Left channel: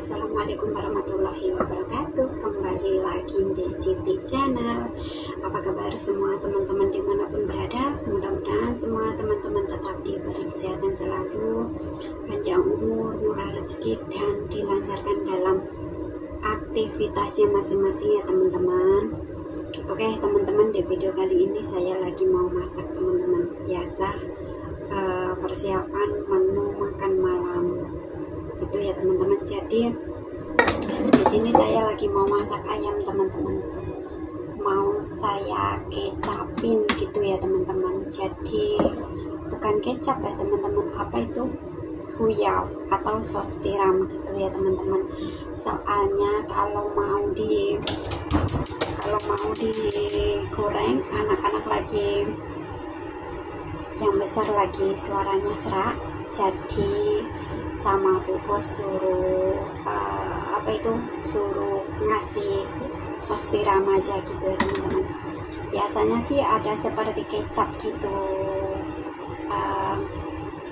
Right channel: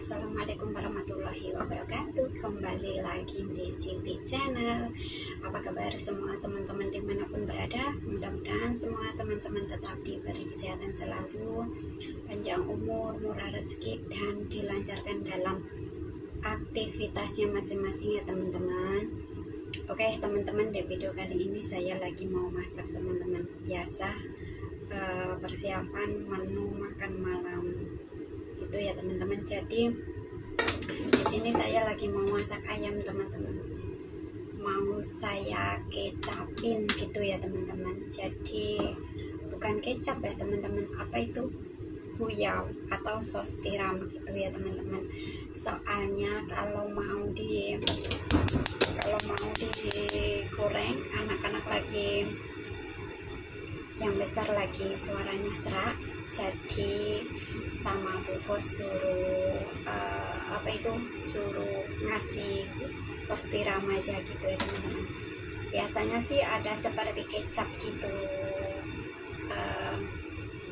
Assalamualaikum warahmatullahi wabarakatuh. Kembali lagi di Siti Channel. Apa kabar semua teman-teman dimanapun berada? Mudah-mudahan semua teman-teman tetap diberi kesehatan selalu, panjang umur, murah rezeki, dan dilancarkan dalam aktivitasnya masing-masing ya teman-teman. Oke teman-teman, di video kali ini saya lagi mau masak teman-teman. Biasa persiapan menu makan malam gitu ya teman-teman. Jadi di sini saya lagi mau masak ayam teman-teman, mau saya kecapin gitu ya teman-teman. Jadi bukan kecap ya teman-teman, apa itu, huyao atau sos tiram gitu ya teman-teman. Soalnya kalau mau digoreng, anak-anak lagi, yang besar lagi suaranya serak, jadi sama bu bos suruh suruh ngasih sos tiram aja gitu ya teman-teman. Biasanya sih ada seperti kecap gitu,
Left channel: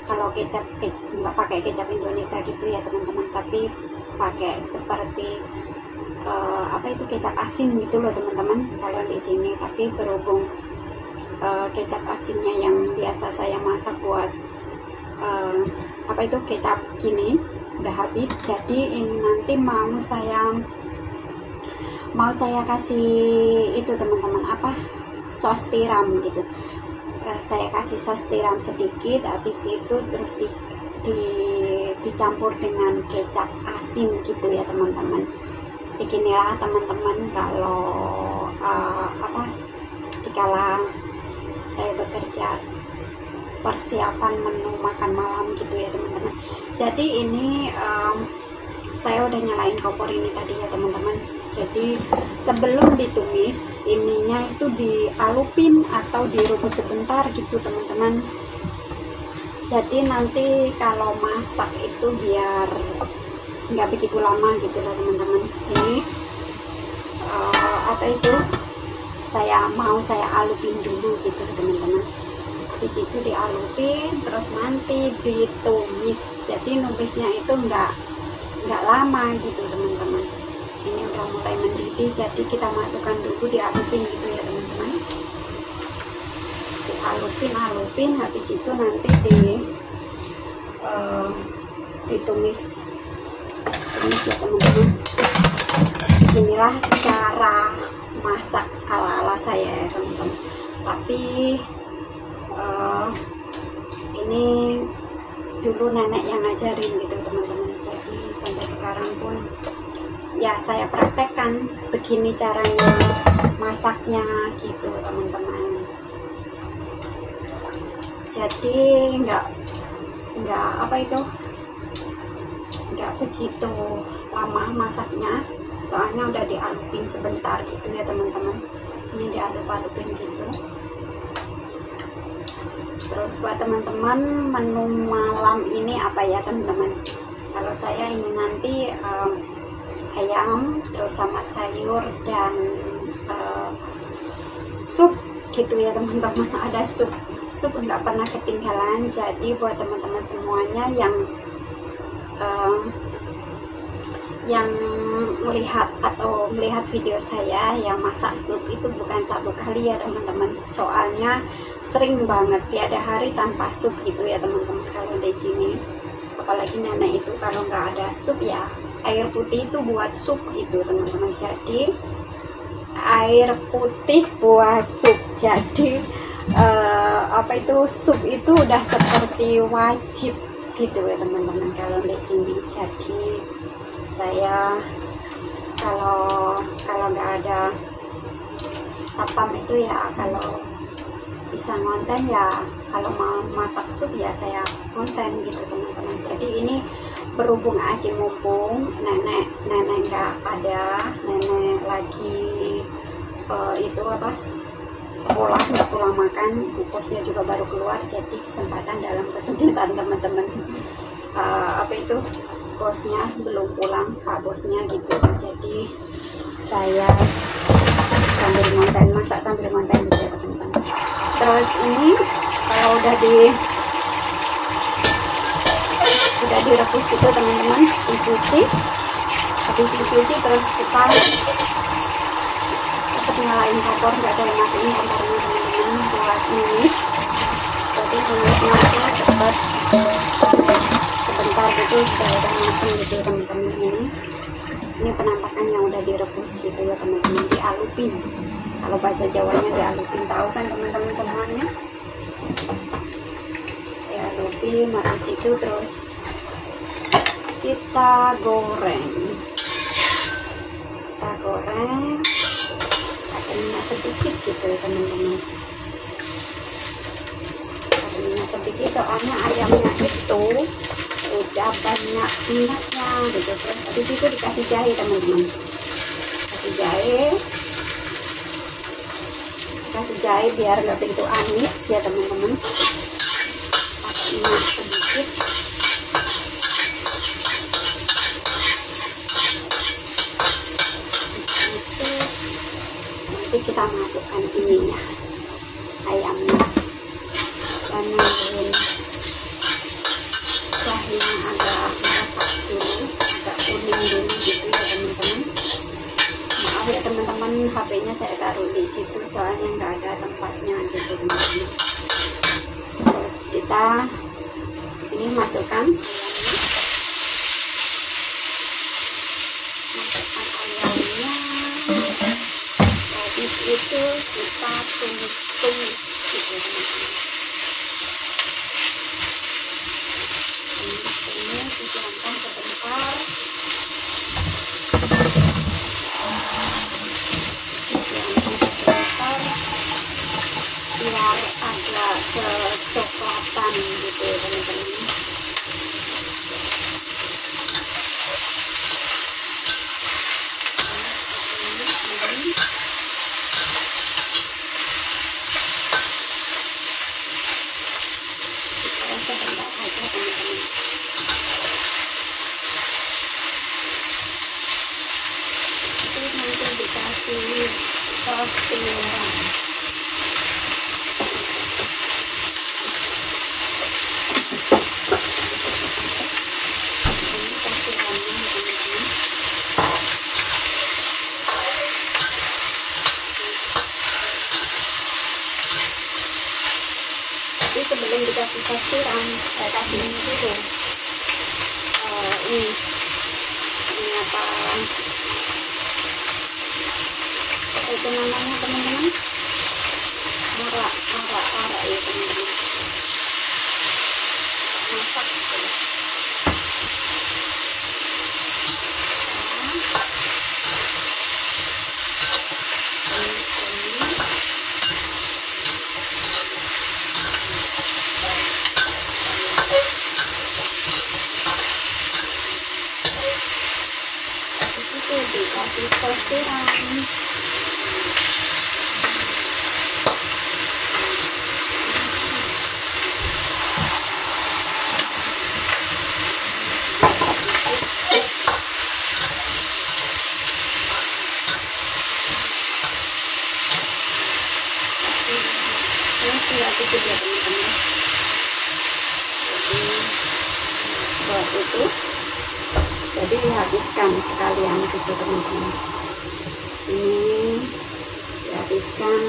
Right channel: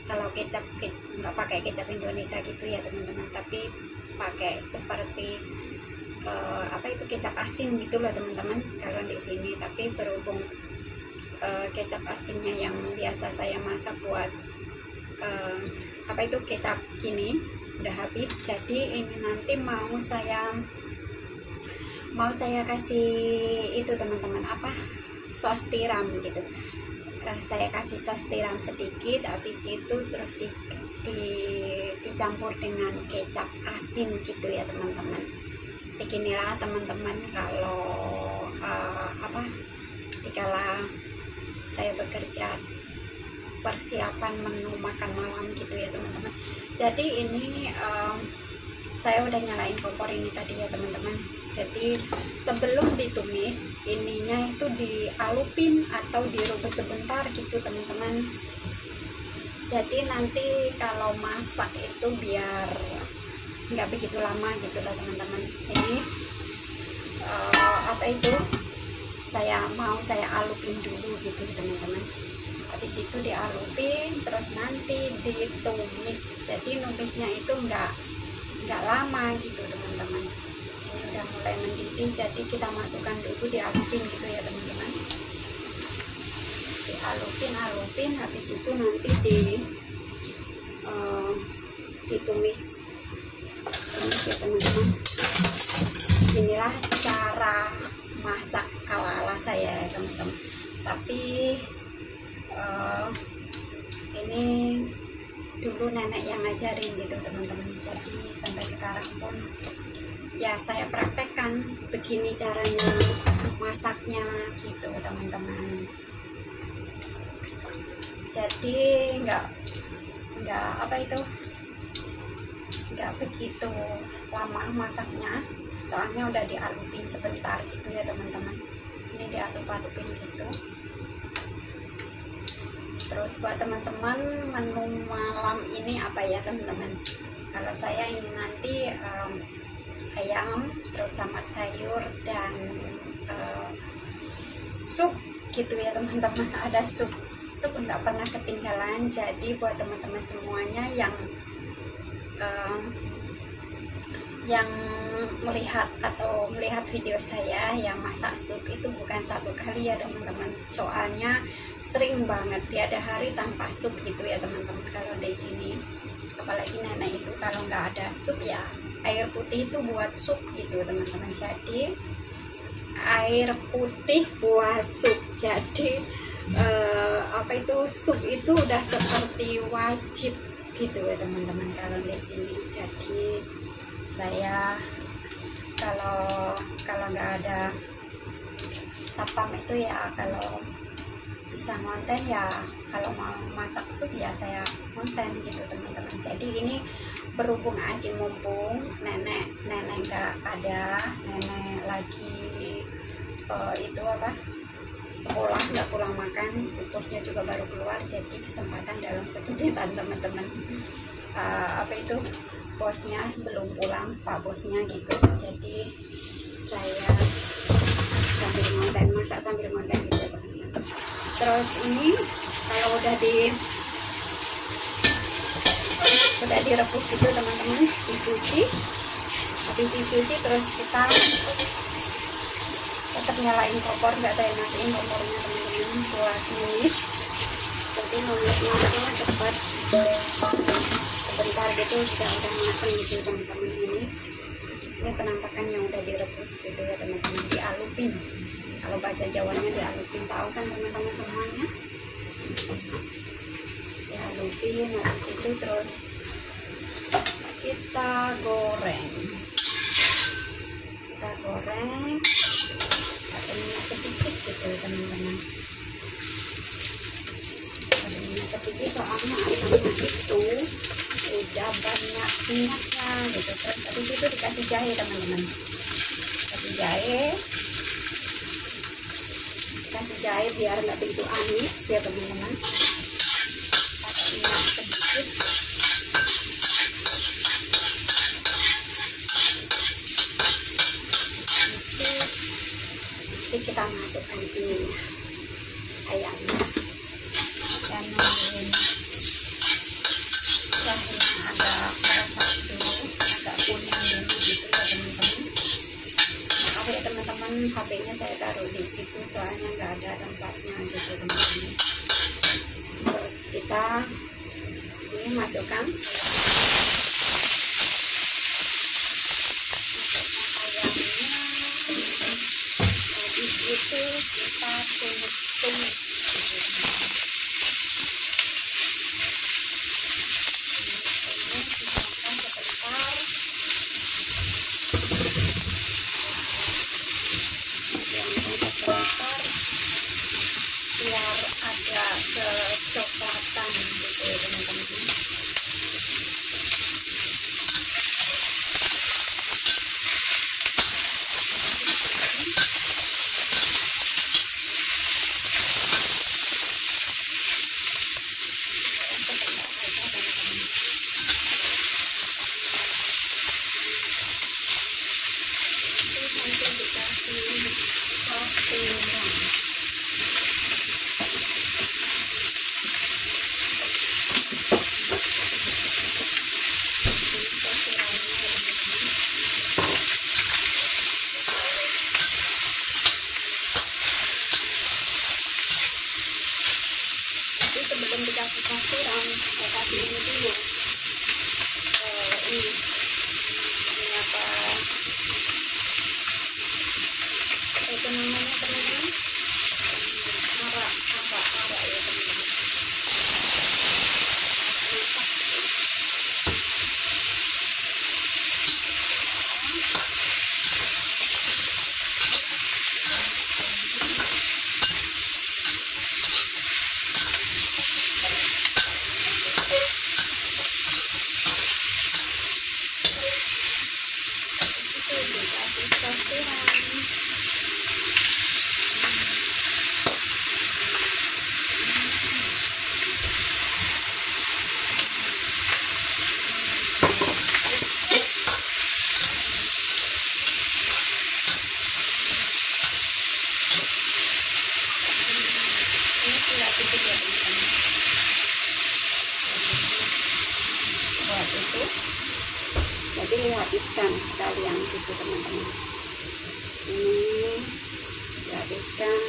kalau kecap nggak pakai kecap Indonesia gitu ya teman-teman, tapi pakai seperti kecap asin gitu loh teman-teman kalau di sini. Tapi berhubung kecap asinnya yang biasa saya masak buat kecap gini udah habis, jadi ini nanti mau saya kasih itu teman-teman, sos tiram gitu. Saya kasih sos tiram sedikit, habis itu terus dicampur dengan kecap asin gitu ya teman-teman. Beginilah teman-teman kalau dikala saya bekerja persiapan menu makan malam gitu ya teman-teman. Jadi ini saya udah nyalain kompor ini tadi ya teman-teman. Jadi sebelum ditumis, ininya itu dialupin atau direbus sebentar gitu teman-teman. Jadi nanti kalau masak itu biar nggak begitu lama gitu lah teman-teman. Ini saya alupin dulu gitu teman-teman. Habis itu dialupin, terus nanti ditumis. Jadi numisnya itu nggak lama gitu teman-teman. Ini udah mulai mendidih, jadi kita masukkan dulu, dialupin gitu ya teman-teman. Dialupin, habis itu nanti ditumis ya teman-teman. Inilah cara masak ala-ala saya ya teman-teman. Tapi ini dulu nenek yang ngajarin gitu teman-teman. Jadi sampai sekarang pun ya saya praktekkan begini caranya masaknya gitu teman-teman. Jadi nggak begitu lama masaknya, soalnya udah dialupin sebentar gitu ya teman-teman. Ini dialup-alupin gitu. Terus buat teman-teman, menu malam ini apa ya teman-teman? Kalau saya ini nanti ayam terus sama sayur dan sup gitu ya teman-teman. Ada sup nggak pernah ketinggalan. Jadi buat teman-teman semuanya yang melihat video saya yang masak sup, itu bukan satu kali ya teman-teman. Soalnya sering banget, tiada hari tanpa sup gitu ya teman-teman. Kalau di sini, apalagi nenek itu kalau nggak ada sup ya air putih itu buat sup gitu teman-teman. Jadi air putih buat sup. Jadi sup itu udah seperti wajib gitu ya teman-teman kalau di sini. Jadi saya kalau nggak ada satpam itu ya, kalau bisa ngonten ya, kalau mau masak sup ya saya konten gitu teman-teman. Jadi ini berhubung aja mumpung nenek nggak ada, nenek lagi sekolah, nggak pulang makan, bosnya juga baru keluar, jadi kesempatan dalam kesempitan teman-teman. Bosnya belum pulang, pak bosnya gitu. Jadi saya masak sambil ngonten gitu ya teman-teman. Terus ini kalau udah direbus gitu teman-teman, dicuci, habis dicuci terus kita tetap nyalain kompor, nggak ada yang matiin kompornya teman-teman buat numis. Jadi numisnya itu cepat, sebentar gitu sudah udah matang gitu teman-teman. Ini penampakan yang udah direbus gitu ya teman-teman, dialupin. Kalau bahasa Jawanya dialupin, tahu kan teman-teman semuanya? Dialupin, habis itu terus kita goreng. Kita goreng, minyak sedikit gitu teman-teman. Minyak sedikit soalnya ayamnya itu udah banyak minyaknya gitu. Habis itu dikasih jahe teman-teman, kasih jahe biar nggak begitu amis ya teman-teman. Pakai minyak sedikit. Nanti kita masukkan ininya, ayamnya, dan nungguin jahenya agak masak dulu, agak kuning dulu gitu ya teman-teman. Maaf ya teman-teman, HP-nya saya taruh di situ soalnya nggak ada tempatnya gitu teman-teman. Terus kita ini masukkan ayamnya. Habis itu kita tumis gitu teman-teman. Tumis dituangkan sebentar. Biar agak kecoklatan gitu teman-teman. Saus tiram. Tapi sebelum dikasih saus tiram, saya kasih ini dulu. Ini apa? Itu namanya teman-teman, arak ya teman-teman, masak gitu. Itu dikasih saus tiram. Ini sedikit ya teman-teman. Jadi dihabiskan sekalian gitu teman-teman. Ini dihabiskan,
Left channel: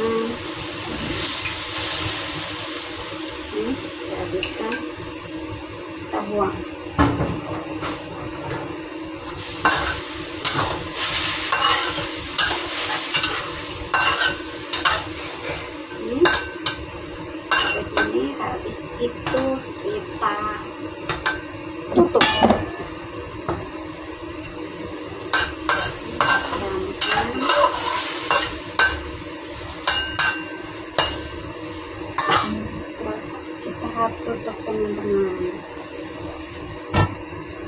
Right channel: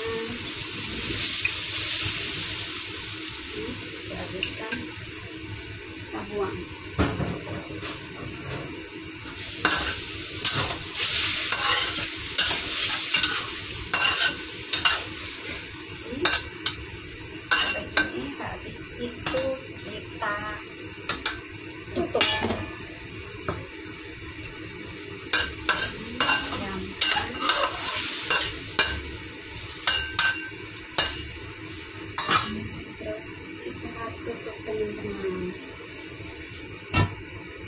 kita buang. Habis itu kita tutup. Terus kita tutup teman-teman.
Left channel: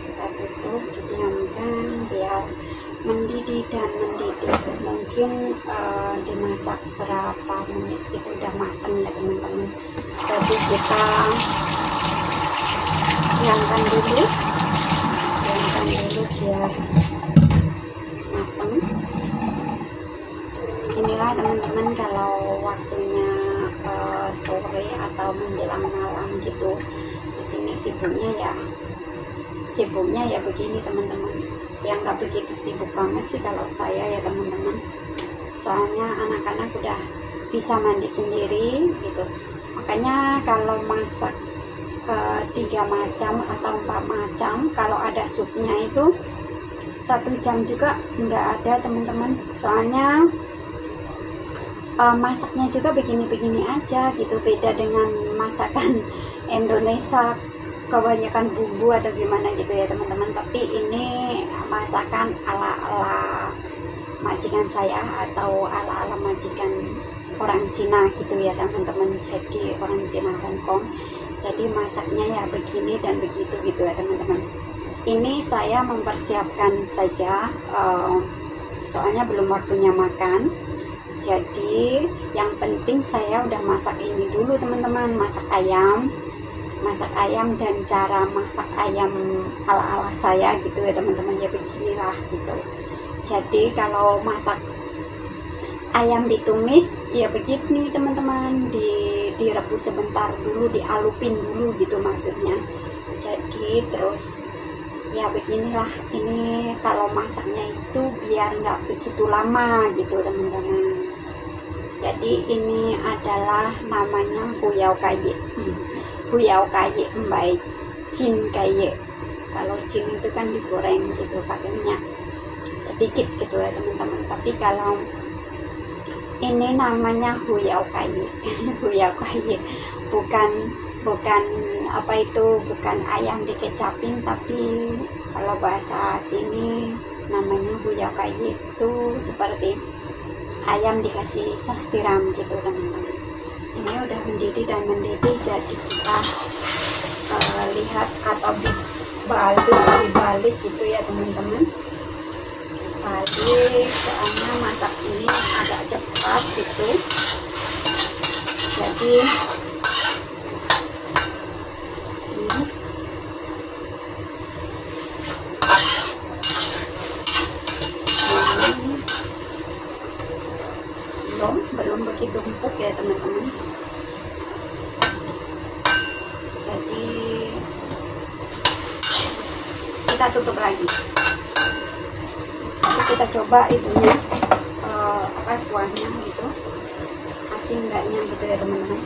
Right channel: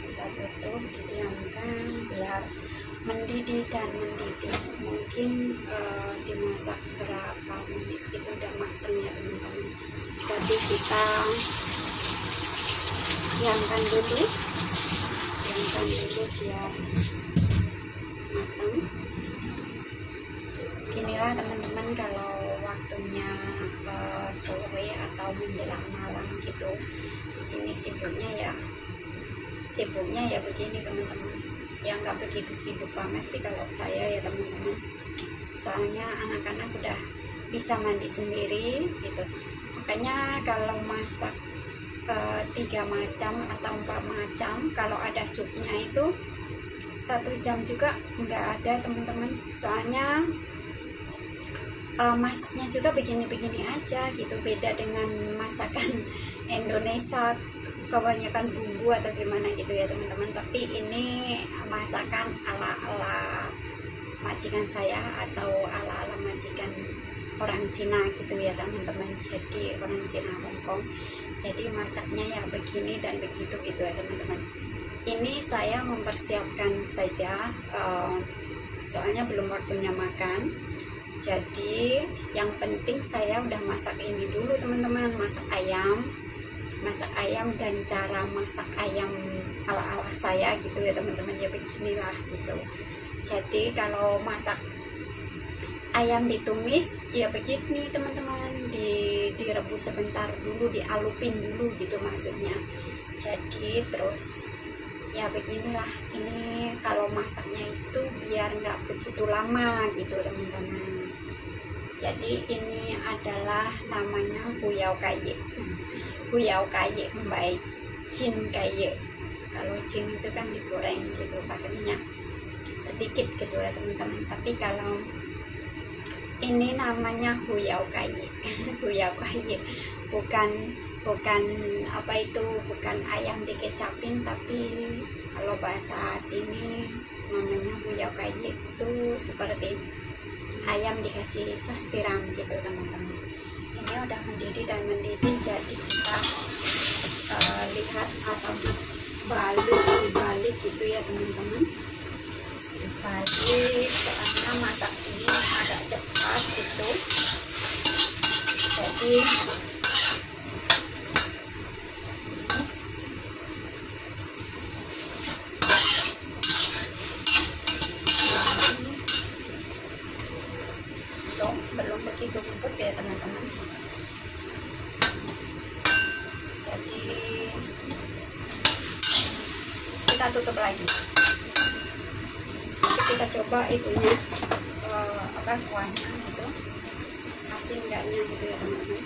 Kita tutup, didiamkan biar mendidih dan mendidih. Mungkin dimasak berapa menit itu udah matang ya teman-teman. Jadi kita diamkan dulu biar matang. Inilah teman-teman kalau waktunya sore atau menjelang malam gitu. Di sini sibuknya ya sibuknya ya begini teman-teman, yang nggak begitu sibuk banget sih kalau saya ya teman-teman, soalnya anak-anak udah bisa mandi sendiri gitu. Makanya kalau masak 3 macam atau 4 macam, kalau ada supnya itu 1 jam juga nggak ada teman-teman, soalnya masaknya juga begini-begini aja gitu, beda dengan masakan Indonesia kebanyakan bumbu atau gimana gitu ya teman-teman. Tapi ini masakan ala-ala majikan saya atau ala-ala majikan orang Cina gitu ya teman-teman, jadi orang Cina Hongkong, jadi masaknya ya begini dan begitu gitu ya teman-teman. Ini saya mempersiapkan saja, soalnya belum waktunya makan. Jadi yang penting saya udah masak ini dulu teman-teman, masak ayam dan cara masak ayam ala-ala saya gitu ya teman-teman, ya beginilah gitu. Jadi kalau masak ayam ditumis ya begini teman-teman, direbus sebentar dulu, dialupin dulu gitu maksudnya. Jadi terus ya beginilah, ini kalau masaknya itu biar nggak begitu lama gitu teman-teman. Jadi ini adalah namanya huyao kaye. Huyao kaye mbai cin kaye. Kalau cin itu kan digoreng gitu pakai minyak sedikit gitu ya teman-teman. Tapi kalau ini namanya huyao kaye. Huyao kaye bukan apa itu, bukan ayam dikecapin, tapi kalau bahasa sini namanya huyao kaye itu seperti ayam dikasih sos tiram gitu teman-teman. Ini udah mendidih dan mendidih, jadi kita lihat atau dibalik gitu ya teman-teman, dibalik, soalnya masak ini agak cepat gitu. Jadi belum begitu empuk ya teman-teman. Jadi kita tutup lagi. Jadi kita coba itunya apa kuahnya gitu, asin enggaknya gitu ya teman-teman.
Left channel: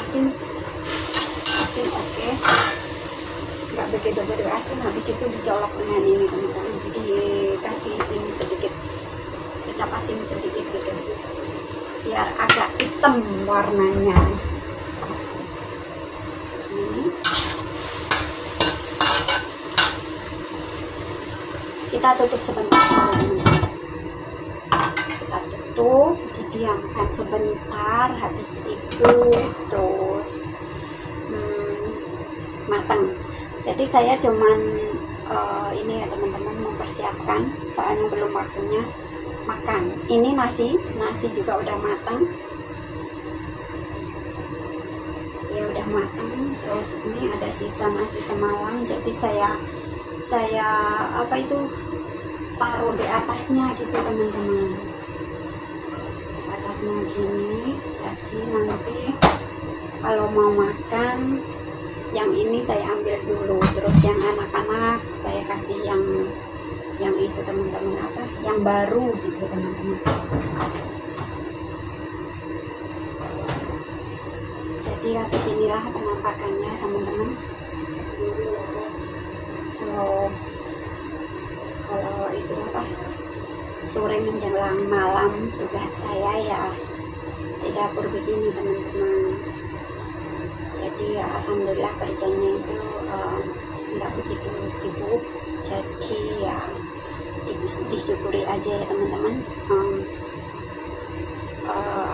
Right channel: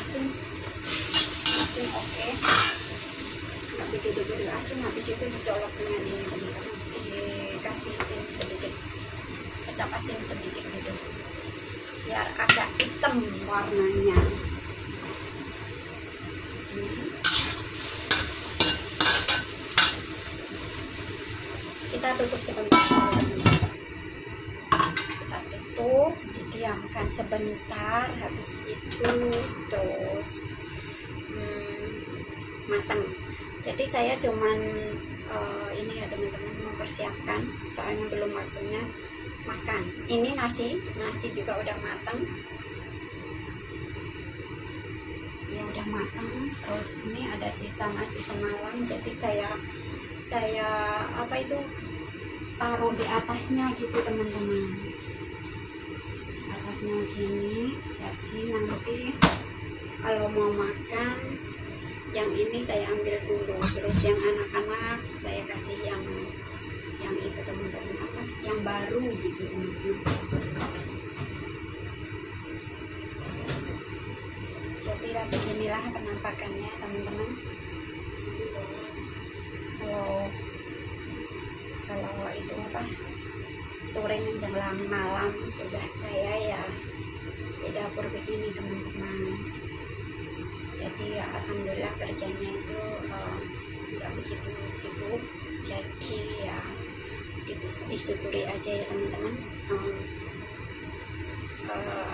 Asin oke. Nggak begitu asin. Habis itu dicolok dengan ini teman-teman, dikasih ini sedikit kecap asin sedikit gitu biar agak hitam warnanya. Kita tutup sebentar, kita tutup, didiamkan sebentar. Habis itu terus matang. Jadi saya cuman ini ya teman-teman, mempersiapkan, soalnya belum waktunya makan. Ini nasi juga udah matang ya, udah matang. Terus ini ada sisa nasi semalam, jadi saya apa itu taruh di atasnya gitu teman-teman, di atasnya gini. Jadi nanti kalau mau makan yang ini saya ambil dulu, terus yang anak-anak saya kasih yang itu teman-teman, apa yang baru gitu teman-teman. Jadi ya beginilah penampakannya teman-teman. Kalau itu apa, sore menjelang malam, tugas saya ya di dapur begini teman-teman. Jadi ya alhamdulillah kerjanya itu nggak begitu sibuk, jadi ya disyukuri aja ya teman-teman.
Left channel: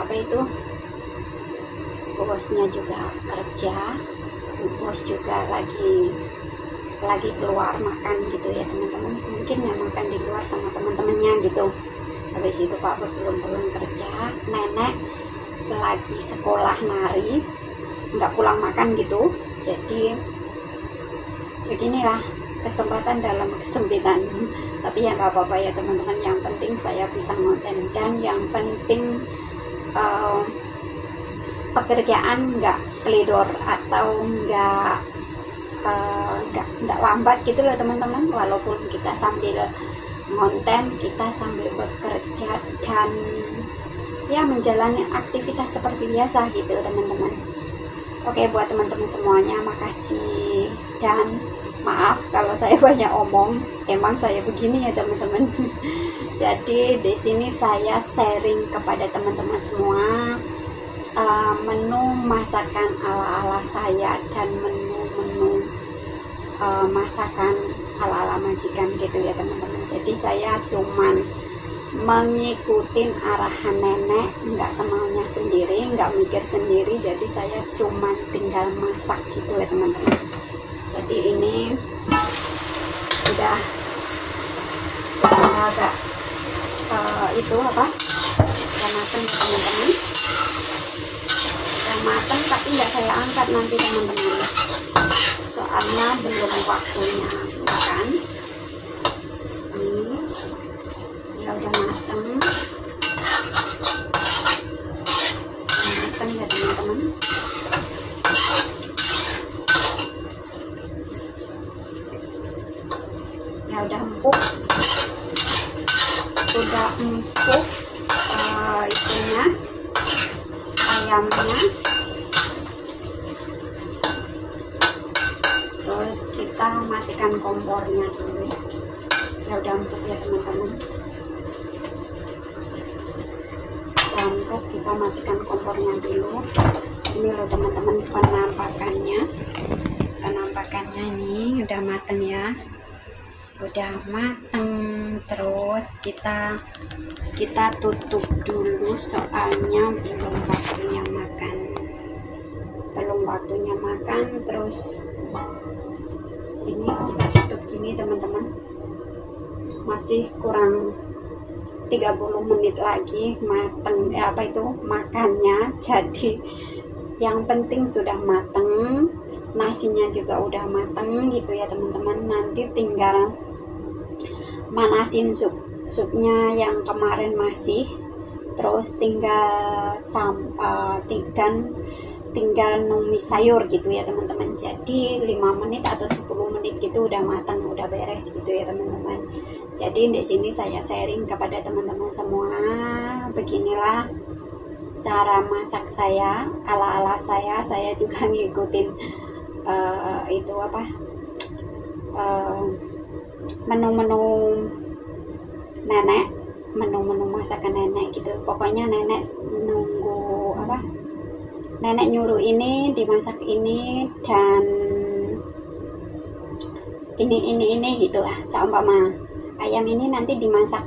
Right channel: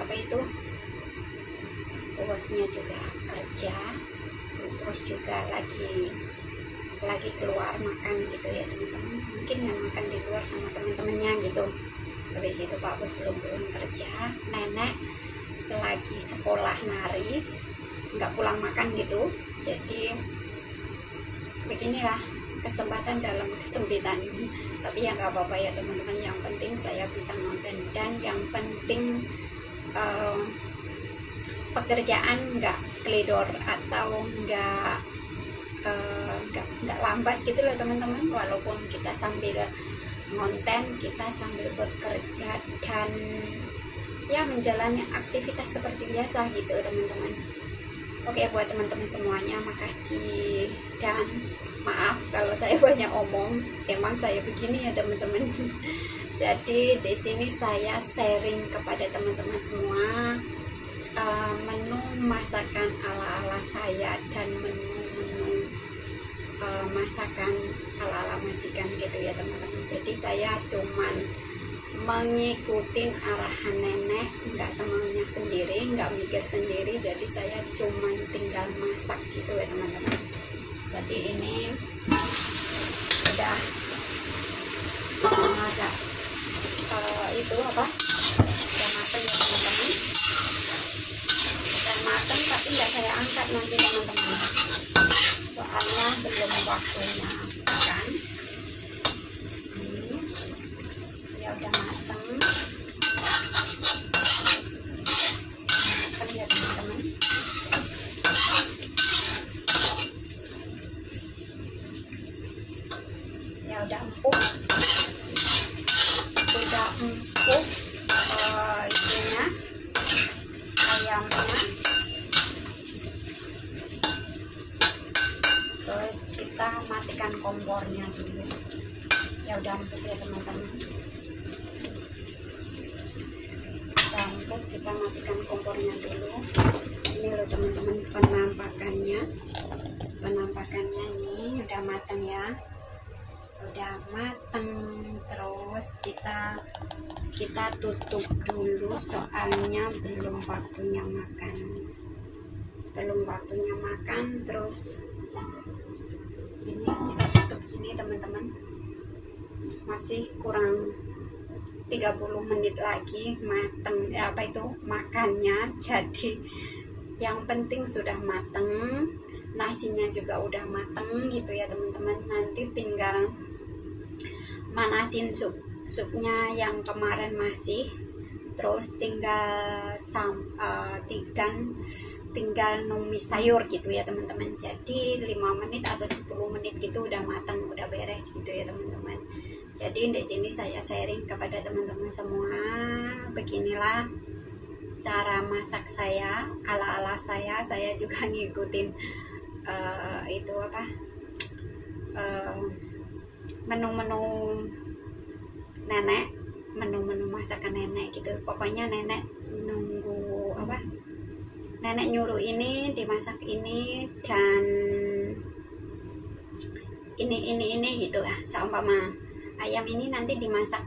Apa itu, bosnya juga kerja, bos juga lagi keluar makan gitu ya teman-teman, mungkin ya makan di luar sama teman-temannya gitu. Habis itu Pak Bos belum pulang kerja, nenek lagi sekolah nari, nggak pulang makan gitu. Jadi beginilah kesempatan dalam kesempitan. Tapi ya nggak apa-apa ya teman-teman, yang penting saya bisa ngonten, dan yang penting pekerjaan nggak kelidor atau nggak lambat gitu loh teman-teman. Walaupun kita sambil konten, kita sambil bekerja dan ya menjalani aktivitas seperti biasa gitu teman-teman. Oke, buat teman-teman semuanya, makasih dan maaf kalau saya banyak omong. Emang saya begini ya teman-teman. Jadi di sini saya sharing kepada teman-teman semua menu masakan ala-ala saya dan menu-menu masakan ala-ala majikan gitu ya teman-teman. Jadi saya cuman mengikuti arahan nenek, nggak semaunya sendiri, nggak mikir sendiri. Jadi saya cuman tinggal masak gitu ya teman-teman. Jadi ini udah agak itu apa, udah matang ya teman-teman. Udah matang tapi nggak saya angkat nanti teman-teman, soalnya belum waktunya makan. Ini ya udah matang ya teman-teman. Ya udah empuk, itunya ayamnya. Terus kita matikan kompornya dulu. Ya udah empuk ya teman-teman. Empuk, kita matikan kompornya dulu. Ini loh teman-teman penampakannya ini udah mateng ya, udah mateng. Terus kita tutup dulu soalnya belum waktunya makan. Terus ini kita tutup ini teman-teman, masih kurang 30 menit lagi mateng makannya. Jadi yang penting sudah mateng, nasinya juga udah mateng gitu ya teman-teman. Nanti tinggal manasin supnya yang kemarin masih, terus tinggal numis sayur gitu ya teman-teman. Jadi 5 menit atau 10 menit gitu udah matang, udah beres gitu ya teman-teman. Jadi di sini saya sharing kepada teman-teman semua, beginilah cara masak saya, ala-ala saya. Saya juga ngikutin menu-menu nenek, menu-menu masakan nenek gitu. Pokoknya nenek nenek nyuruh ini dimasak ini dan ini gitu lah. Seumpama ayam ini nanti dimasak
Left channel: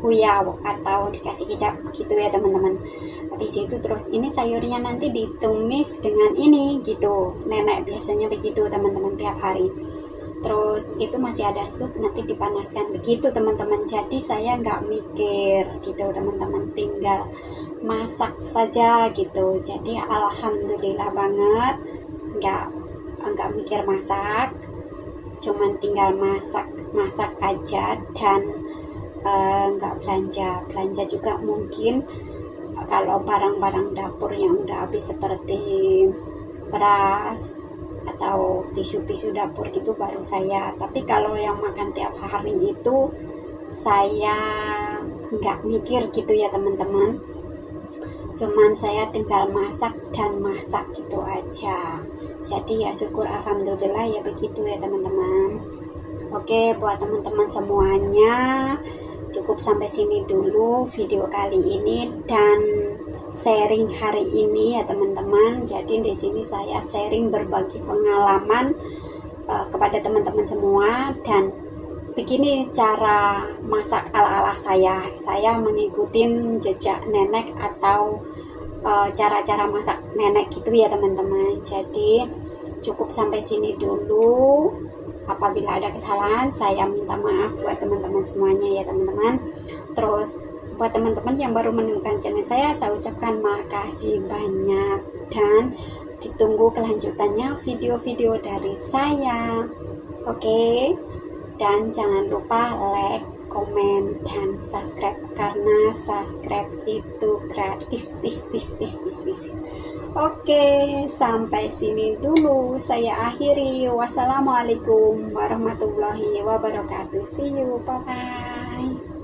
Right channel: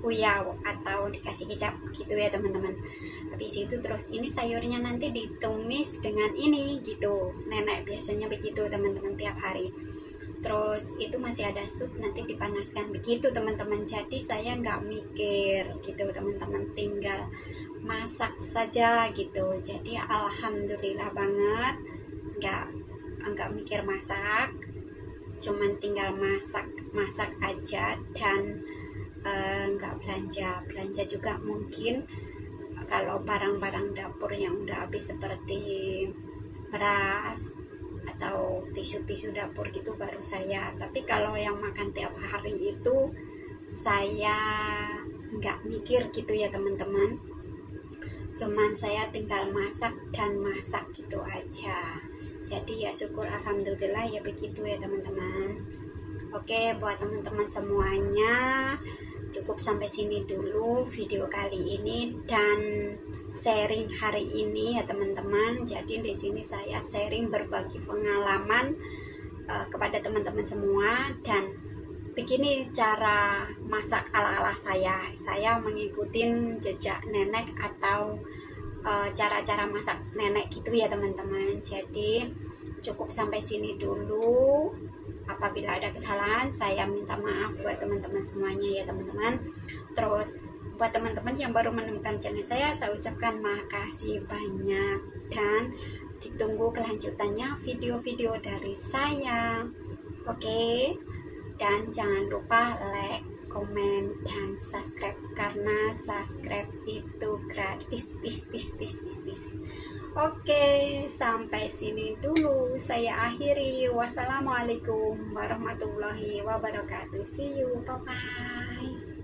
huyau atau dikasih kecap gitu ya teman-teman. Habis itu terus ini sayurnya nanti ditumis dengan ini gitu. Nenek biasanya begitu teman-teman tiap hari. Terus itu masih ada sup, nanti dipanaskan begitu teman-teman. Jadi saya nggak mikir gitu teman-teman, tinggal masak saja gitu. Jadi alhamdulillah banget, nggak mikir masak, cuman tinggal masak aja. Dan nggak belanja juga. Mungkin kalau barang-barang dapur yang udah habis seperti beras atau tisu-tisu dapur gitu baru saya. Tapi kalau yang makan tiap hari itu saya nggak mikir gitu ya teman-teman, cuman saya tinggal masak gitu aja. Jadi ya syukur alhamdulillah ya begitu ya teman-teman. Oke, buat teman-teman semuanya, cukup sampai sini dulu video kali ini dan sharing hari ini ya teman-teman. Jadi di sini saya sharing berbagi pengalaman kepada teman-teman semua, dan begini cara masak ala-ala saya. Saya mengikuti jejak nenek atau cara-cara masak nenek gitu ya teman-teman. Jadi cukup sampai sini dulu. Apabila ada kesalahan saya minta maaf buat teman-teman semuanya ya teman-teman. Terus buat teman-teman yang baru menemukan channel saya ucapkan makasih banyak dan ditunggu kelanjutannya video-video dari saya. Oke, Dan jangan lupa like, komen, dan subscribe, karena subscribe itu gratis. Oke, sampai sini dulu saya akhiri. Wassalamualaikum warahmatullahi wabarakatuh. See you, bye bye.